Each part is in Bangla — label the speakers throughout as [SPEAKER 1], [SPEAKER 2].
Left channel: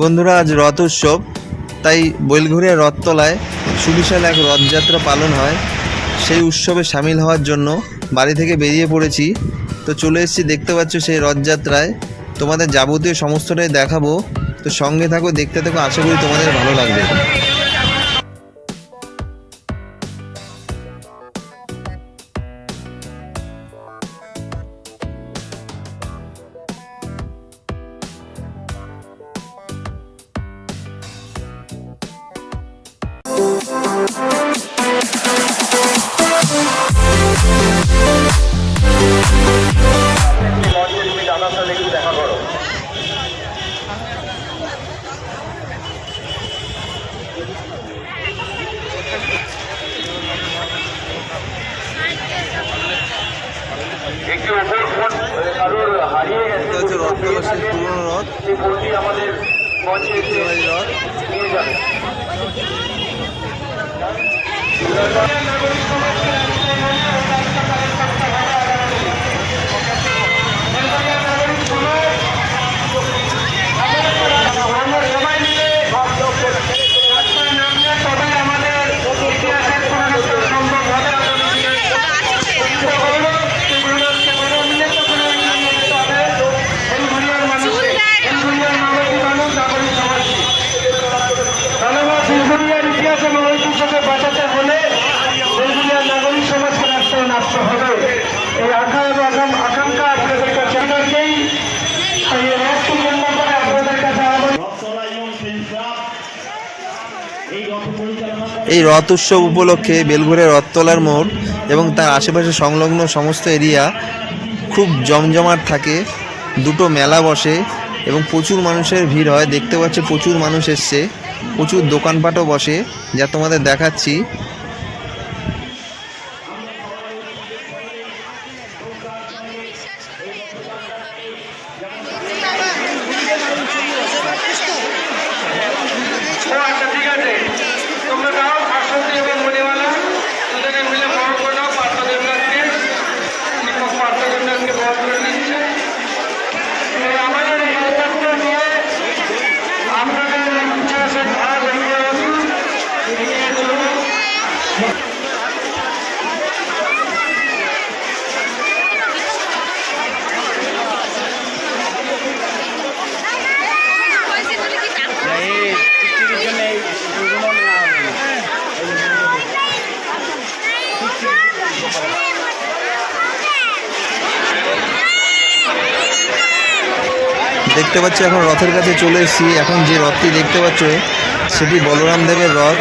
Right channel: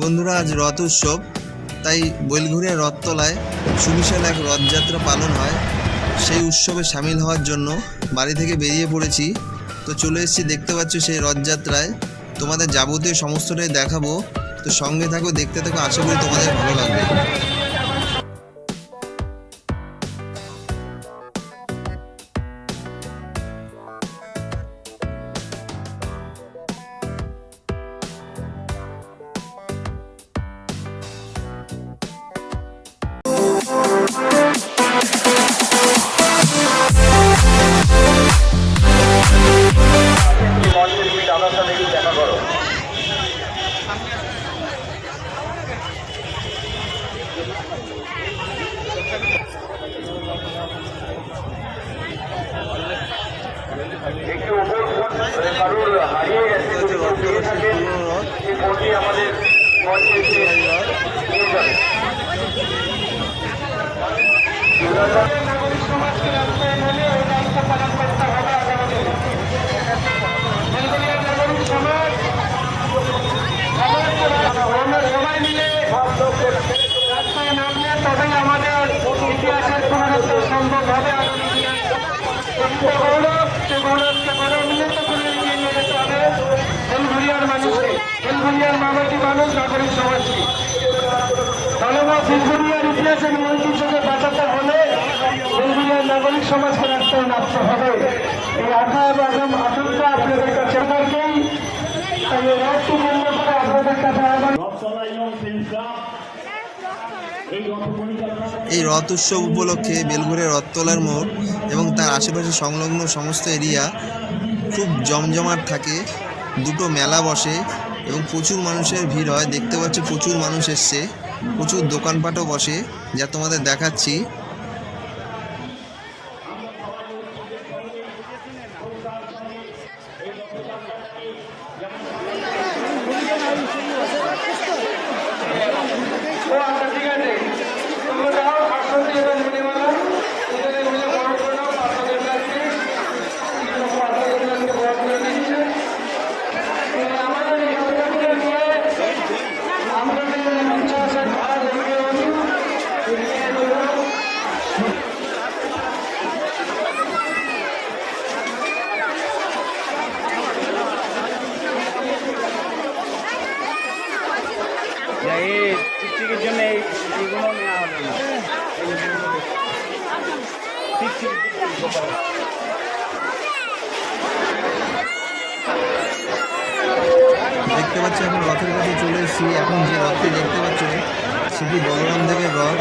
[SPEAKER 1] বন্ধুরা, আজ রথ উৎসব, তাই বৈলঘরিয়া রথতলায় সুবিশাল এক রথযাত্রা পালন হয়। সেই উৎসবে সামিল হওয়ার জন্য বাড়ি থেকে বেরিয়ে পড়েছি। তো চলে এসেছি, দেখতে পাচ্ছ সেই রথযাত্রায়। তোমাদের যাবতীয় সমস্তটাই দেখাবো। তো সঙ্গে থাকো, দেখতে থাকো, আশা করি তোমাদের ভালো লাগবে।
[SPEAKER 2] একটি ওপর ফোন কারোর হারিয়ে গেছে
[SPEAKER 1] সেই
[SPEAKER 2] ফোনটি আমাদের মঞ্চে এসে
[SPEAKER 1] যাবে রথ।
[SPEAKER 2] নিয়ে এই
[SPEAKER 1] রথ উৎসব উপলক্ষে বেলঘুরের রথতলার মোড় এবং তার আশেপাশে সংলগ্ন সমস্ত এরিয়া খুব জমজমাট থাকে। দুটো মেলা বসে এবং প্রচুর মানুষের ভিড় হয়। দেখতে পাচ্ছি প্রচুর মানুষ এসছে। প্রচুর দোকানপাটও বসে। যা তোমাদের দেখাচ্ছি
[SPEAKER 2] ও আচ্ছা ঠিক আছে তোমরা দাও ভাস্বতী এবং মণিমালা দুজনে মিলে বড় করে নাও পার্থ দেবনাথকে শিক্ষক পার্থ দেবনাথকে বড় করে নিচ্ছে এই আমাদের এই যাত্রাগুলো নিয়ে আপনাদের দেখতে
[SPEAKER 1] পাচ্ছি, এখন রথের কাছে চলে এসেছি। এখন যে রথটি দেখতে পাচ্ছ, সেটি বলরাম দেবের রথ।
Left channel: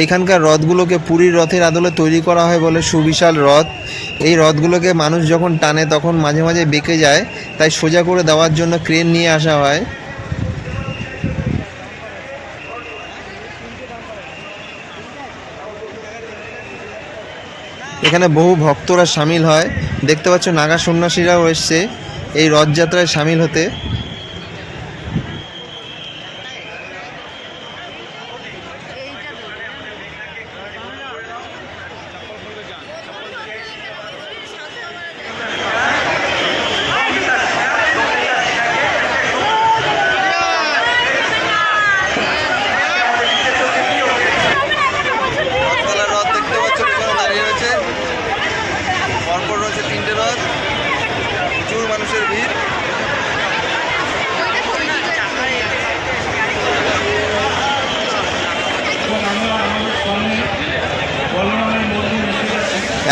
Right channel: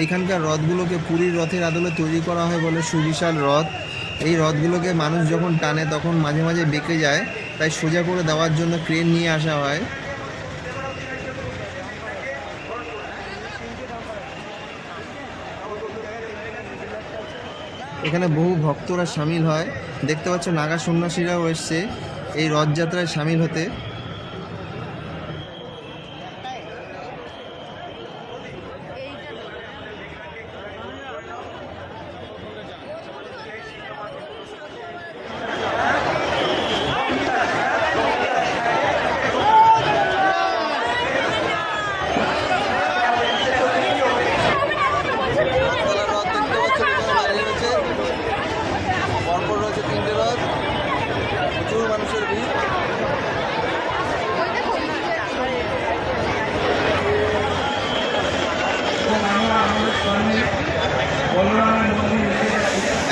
[SPEAKER 1] এইখানকার রথগুলোকে পুরীর রথের আদলে তৈরি করা হয় বলে সুবিশাল রথ এই রথগুলোকে মানুষ যখন টানে তখন মাঝে মাঝে বেঁকে যায়, তাই সোজা করে দেওয়ার জন্য ক্রেন নিয়ে আসা হয়। এখানে বহু ভক্তরা সামিল হয়। দেখতে পাচ্ছ নাগা সন্ন্যাসীরাও এসছে এই রথযাত্রায় সামিল হতে পরপর রয়েছে তিনটে রথ
[SPEAKER 2] প্রচুর মানুষের ভিড়।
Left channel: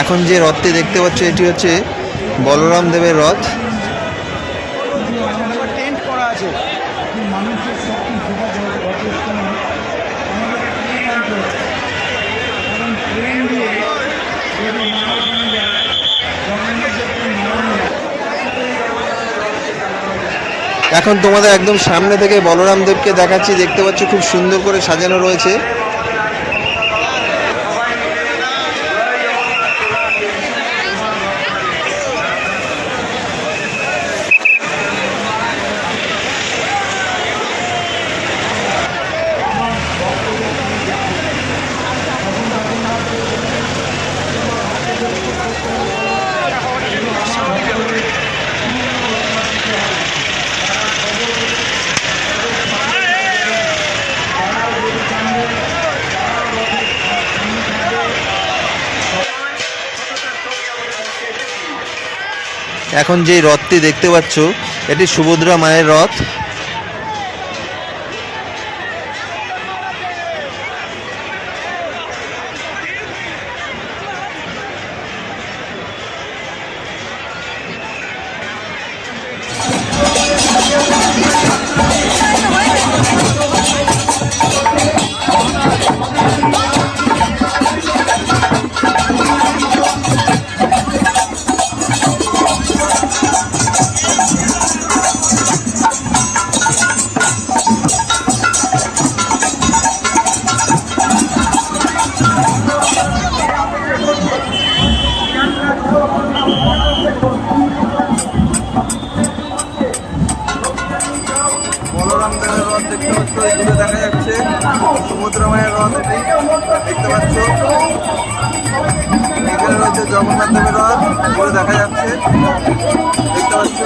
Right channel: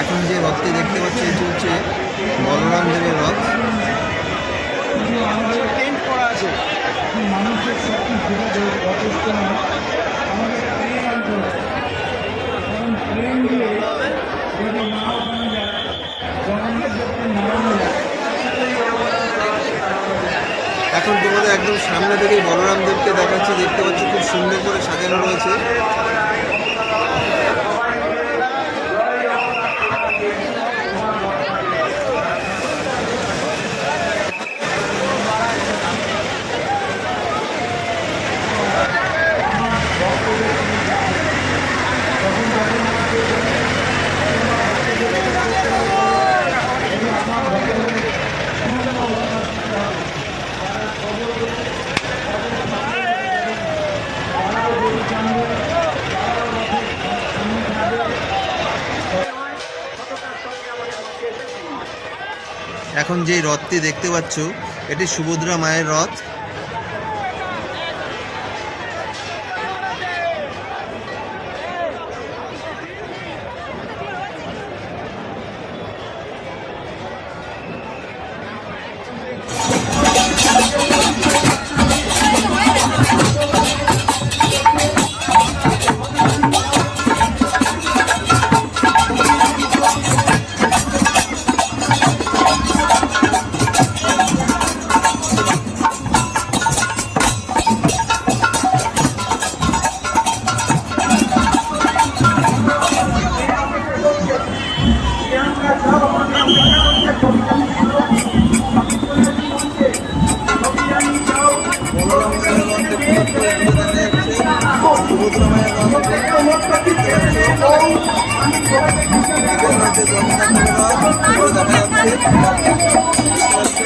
[SPEAKER 2] এখন যে রথটি দেখতে পাচ্ছ এটি হচ্ছে বলরাম দেবের রথ। এখন তোমাদের একদম সামনে থেকে বলরাম দেবকে দেখাচ্ছি, দেখতে পাচ্ছ খুব সুন্দর করে সাজানো রয়েছে। এখন যে রথটি দেখতে পাচ্ছ এটি সুভদ্রা মায়ের রথ দেখতে পাচ্ছ এখানে রয়েছে জগন্নাথ দেবের রথ দূরে দেখা যাচ্ছে। দেখতে পাচ্ছ?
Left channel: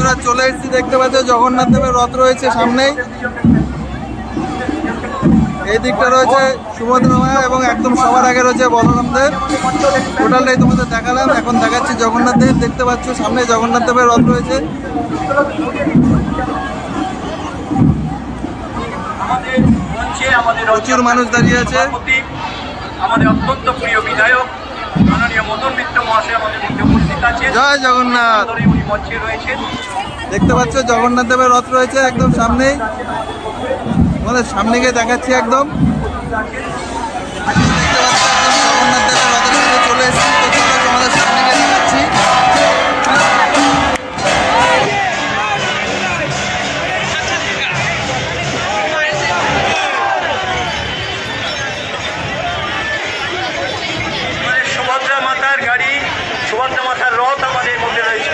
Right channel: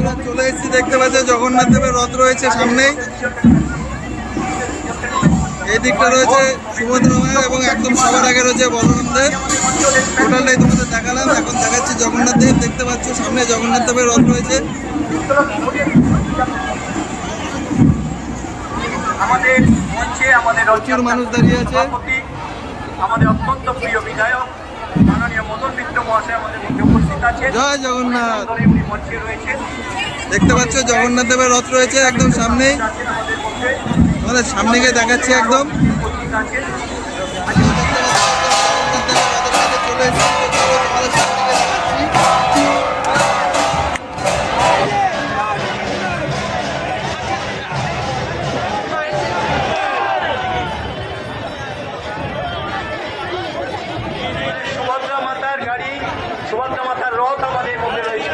[SPEAKER 2] বন্ধুরা চলে এসেছি দেখতে পাচ্ছ জগন্নাথ দেবের রথ রয়েছে সামনেই। এই দিকটা রয়েছে সুভদ্রা মায়া এবং একদম সবার আগে রয়েছে বলরাম দেব। টোটালটাই তোমাদের দেখালাম এখন দেখাচ্ছি জগন্নাথ দেব। দেখতে পাচ্ছ সামনে জগন্নাথ দেবের রথ রয়েছে।
[SPEAKER 3] আমাদের মঞ্চে আমাদের
[SPEAKER 2] প্রচুর মানুষ দাঁড়িয়ে আছে।
[SPEAKER 3] আমাদের অত্যন্ত প্রিয় বিধায়ক মাননীয় মদন মিত্র মহাশয় আমাদের মধ্যে উপস্থিত আছেন।
[SPEAKER 2] জয় জগন্নাথ।
[SPEAKER 3] ধরে উনি মঞ্চে রয়েছেন।
[SPEAKER 2] দেখতে পাচ্ছ, জগন্নাথ দেবের রথ রয়েছে একদম সামনেই। তোমাদের সামনে গিয়ে দেখাচ্ছি একদম। জগন্নাথ দেবের রথের চলে সামনে
[SPEAKER 3] মাতার গাড়ি, সুভদ্রা মাতার রথ আমাদের মধ্যে রয়েছে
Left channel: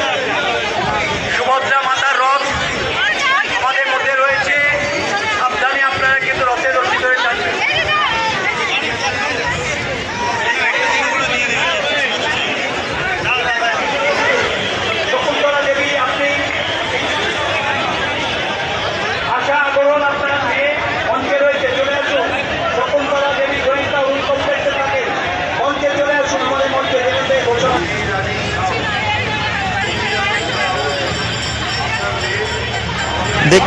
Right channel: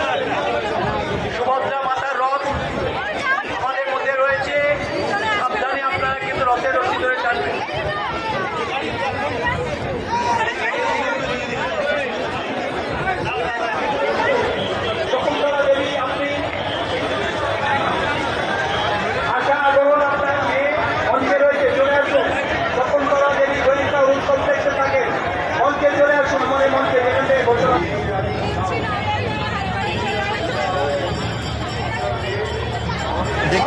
[SPEAKER 3] সুভদ্রা মাতার রথ আমাদের মধ্যে রয়েছে সাবধানে আপনারা কিন্তু রথের রশি ধরে টানবেন
[SPEAKER 1] দেখতে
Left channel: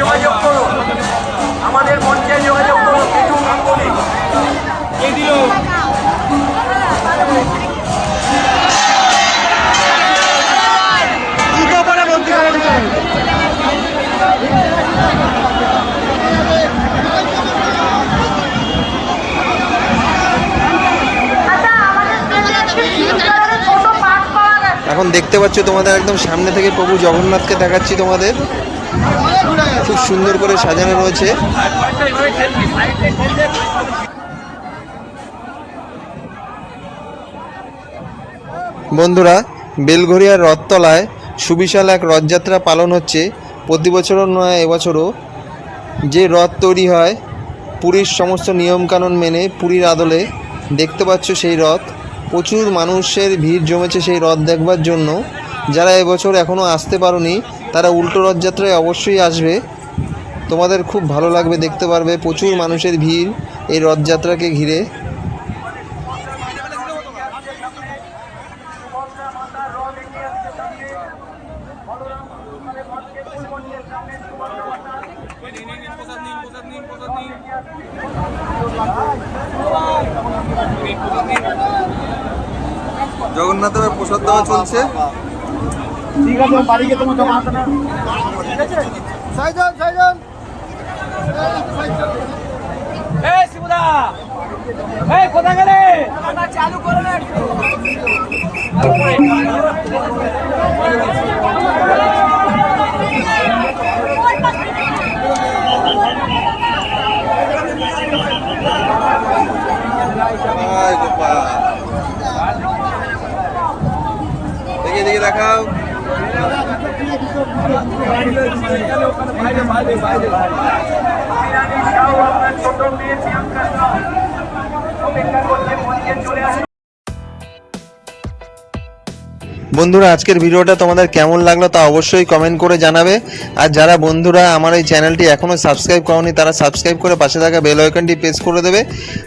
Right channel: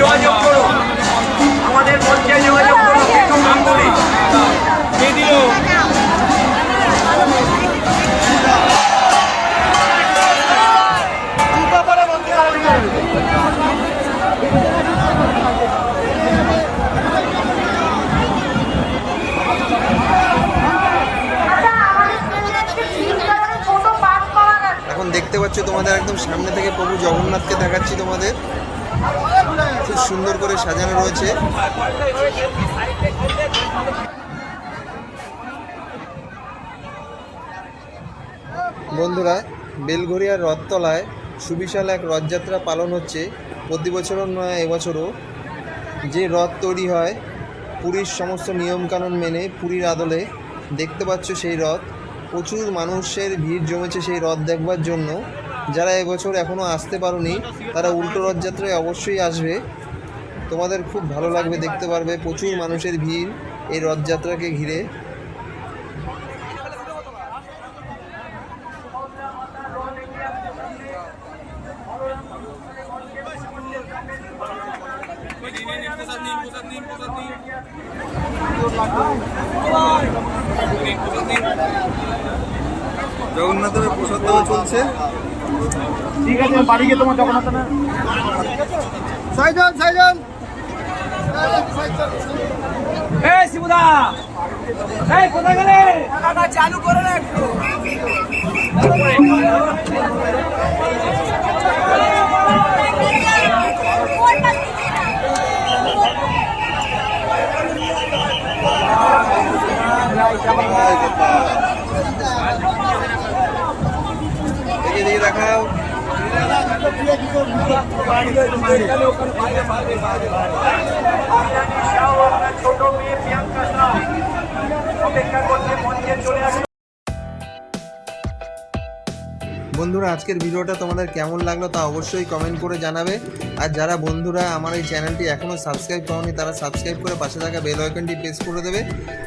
[SPEAKER 2] যোগাযোগ করুন আমাদের যোগাযোগ মিঠু কে দিল করে
[SPEAKER 1] এখন দেখতে পাচ্ছ তোমাদের একদম সামনে থেকে প্রভু জগন্নাথকে দেখাচ্ছি তোমাদের। খুব সুন্দর করে সাজানো রয়েছে। বন্ধুরা বেলঘরিয়ার রথতলায় সুবিশাল এক রথযাত্রা পালন হচ্ছে। প্রতি বছরও নয়, এবছরও। যে রথ তৈরি হয়, পুরীর সমস্ত নিয়মকানুন মেনে পুরীর আদলে দেখতে পাচ্ছ সেই রথ। প্রচুর মানুষের ভিড় জমেছে সেই রথ দেখবার জন্য। যারা এবছর এখনও আসতে পারোনি, তারা উল্টো রথযাত্রায় অবশ্যই আসবে। তোমাদের খুব ভালো লাগবে, দেখতে পারবে, প্রচুর মানুষের ভিড় এই রথযাত্রাকে ঘিরে। জগন্নাথের প্রসাদ দেওয়া চলছে।
[SPEAKER 2] ঠিক আছে বাড়ি গিয়ে তোমার জগন্নাথ এই শিবদা এই কোথায় গেলে? চালু করে না একটু।
[SPEAKER 1] দেখি দেখি দেখাও। বন্ধুরা, আজকের ভিডিওটা তোমাদের কেমন লাগল তা অবশ্যই কমেন্ট করে জানাবে। আর যারা বন্ধুরা আমার এই চ্যানেলটি এখনও সাবস্ক্রাইব করনি, তারা সাবস্ক্রাইব করে পাশে থাকা বেল আইকনটি প্রেস করে দেবে।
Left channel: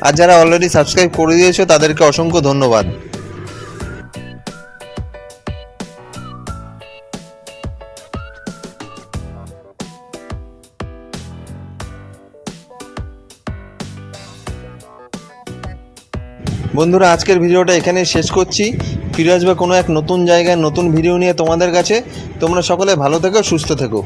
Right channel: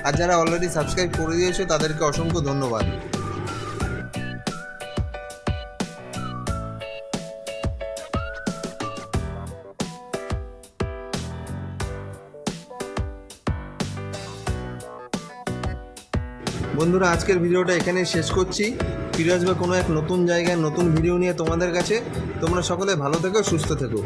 [SPEAKER 1] আর যারা অলরেডি সাবস্ক্রাইব করে দিয়েছ, তাদেরকে অসংখ্য ধন্যবাদ। বন্ধুরা, আজকের ভিডিওটা এখানেই শেষ করছি। ফিরে আসবে কোনো এক নতুন জায়গায় নতুন ভিডিও নিয়ে তোমাদের কাছে। তোমরা সকলে ভালো থেকো, সুস্থ থেকো।